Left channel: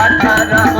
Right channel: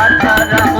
রাধা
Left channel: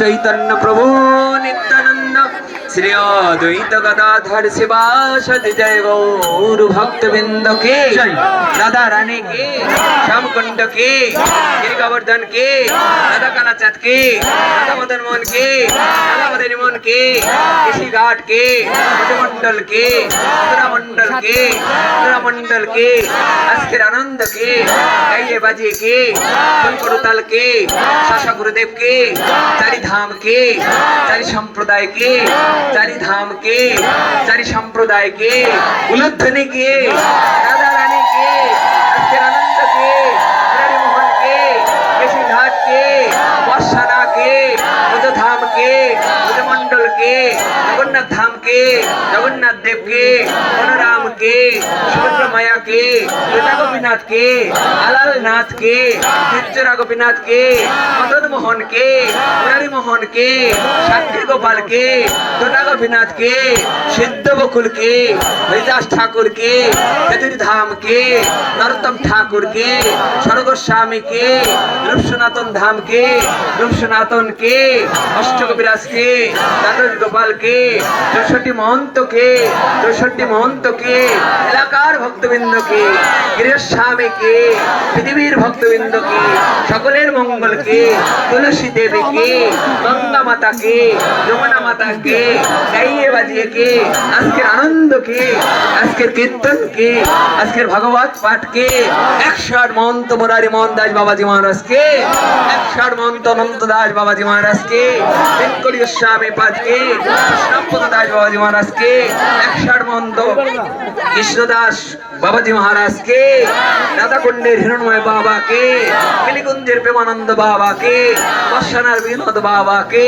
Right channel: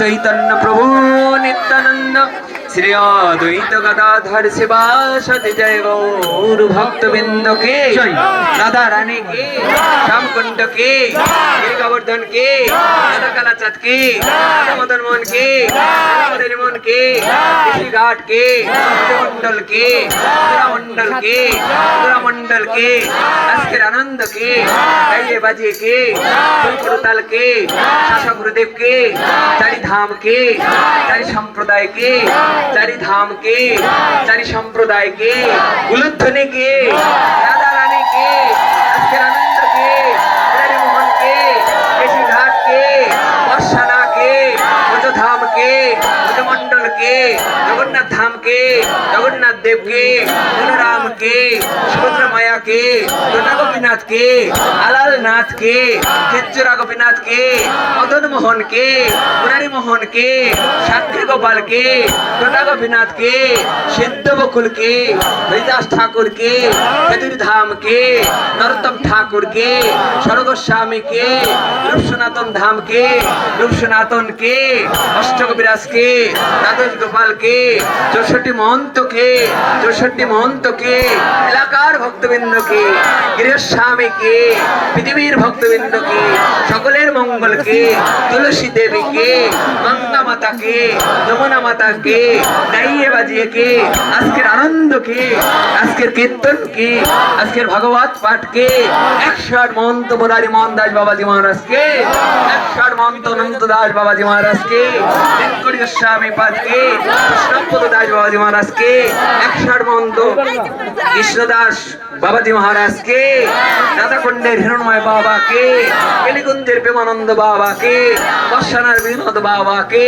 श्री कृष्ण শ্রী গদাধর শিবা জয় গৌর ভক্তবৃন্দ কে দাদা রানী কে শ্যামকুণ্ড কে গোবর্ধন কে দাদা কালাচাঁদ কে মদন মোহন কে মদন মোহন কে ঋষি ঘাট কে মন্ডল কে মন্ডল কে মন্ডল কে আজকের আনন্দ কে গাইয়ে বাজিয়ে কে ফুলকুরতাল কে শাসক গুরুদেব কে চারি কে চারি সম্প্রদায় কে চারি ধাম কে চারি সম্প্রদায় কে উলুধ্বনি কে রাধা রানীকে আজকের আনন্দ জগন্নাথ দেব কে বলরাম কে সুভদ্রা মায়া কে পিতা আলাল নাথ কে ক্ষেত্রা গোপীনাথ মদন মোহন কে মুরারি মোহন কে সাক্ষী গোপাল তোতা গোপীনাথ কে সিদ্ধ বকুল কে হরিদাস ঠাকুর কে চতুর ধাম কে নরোত্তম ঠাকুর কে স্বর্গস্বামী কে রূপ সনাতন ধাম কে রূপ সনাতন কে অষ্টকবিরাজ কে দ্বাদশ গোপাল চৌষট্টি মহন্ত কে? চৌষট্টি মহন্ত কে? এলাকার ভক্তবৃন্দ কে? গৃহস্বামী কে? পৃথিবীর ভক্তবৃন্দ কে? সকলের মঙ্গল কে? তুলসী দেবী কে? গঙ্গা মাতা কে? যমুনা মাতা কে? গাইয়ে বাজিয়ে কে? আজকের আনন্দ কে? আজকের কীর্তন কে? আজকের ভাগবত পাঠ কে? একশো আট মহন্ত মুরারি মোহন দাস বাবাজি মহারাজ কে? একশো আট মহন্ত অনন্ত দাস বাবাজি মহারাজ কে? বেঙ্কটি গোস্বামী পাঠ কে? কৃষ্ণপদ দাস বাবাজি মহারাজ কে? একশো আট মহন্ত কৃষ্ণদাস বাবাজি মহারাজ কে? রাধাকুণ্ডের হিরণময় বাবা কে? কেলিকুঞ্জের প্রেমানন্দ বাবা কে? বর্ষানার বিনোদ বাবা কে?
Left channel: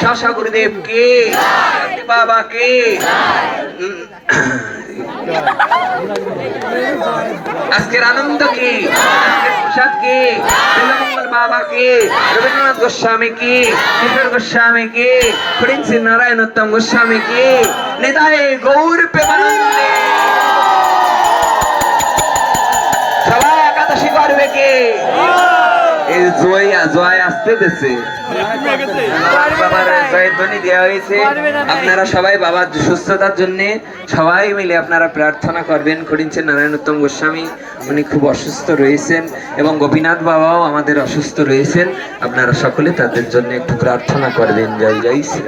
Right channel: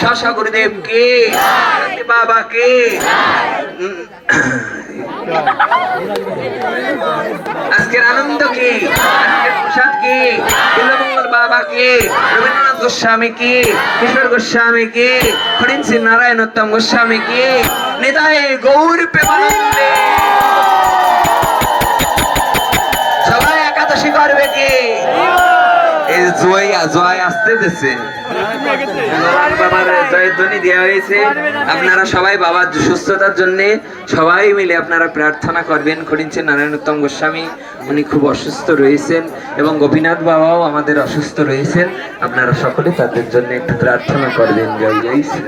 শাসা গুরুদেব কে? বাবা কে? আজকের আনন্দ কি? কি? বিল্লমঙ্গল বাবা কে রবীন্দ্রনাথ গোস্বামী কি কিশোর গোস্বামী কি ফরিন নারায়ণ উত্তম গোস্বামী কি নেতায় গৌর প্রেমানন্দে। দেওয়া হয়েছে। আপনারা সবাই বাবার সুস্থতার জন্য সবাই মিলে আপনারা প্রার্থনা করবেন। করিনছেন নারায়ণোত্তম গোস্বামী, উনি খুব অসুস্থ রয়েছেন এবং গোপীনাথ বাবাও আমাদের অসুস্থ রয়েছেন। আপনারা সকলে তাদের জন্য একটু প্রার্থনা করবেন। জয় জয় শ্রী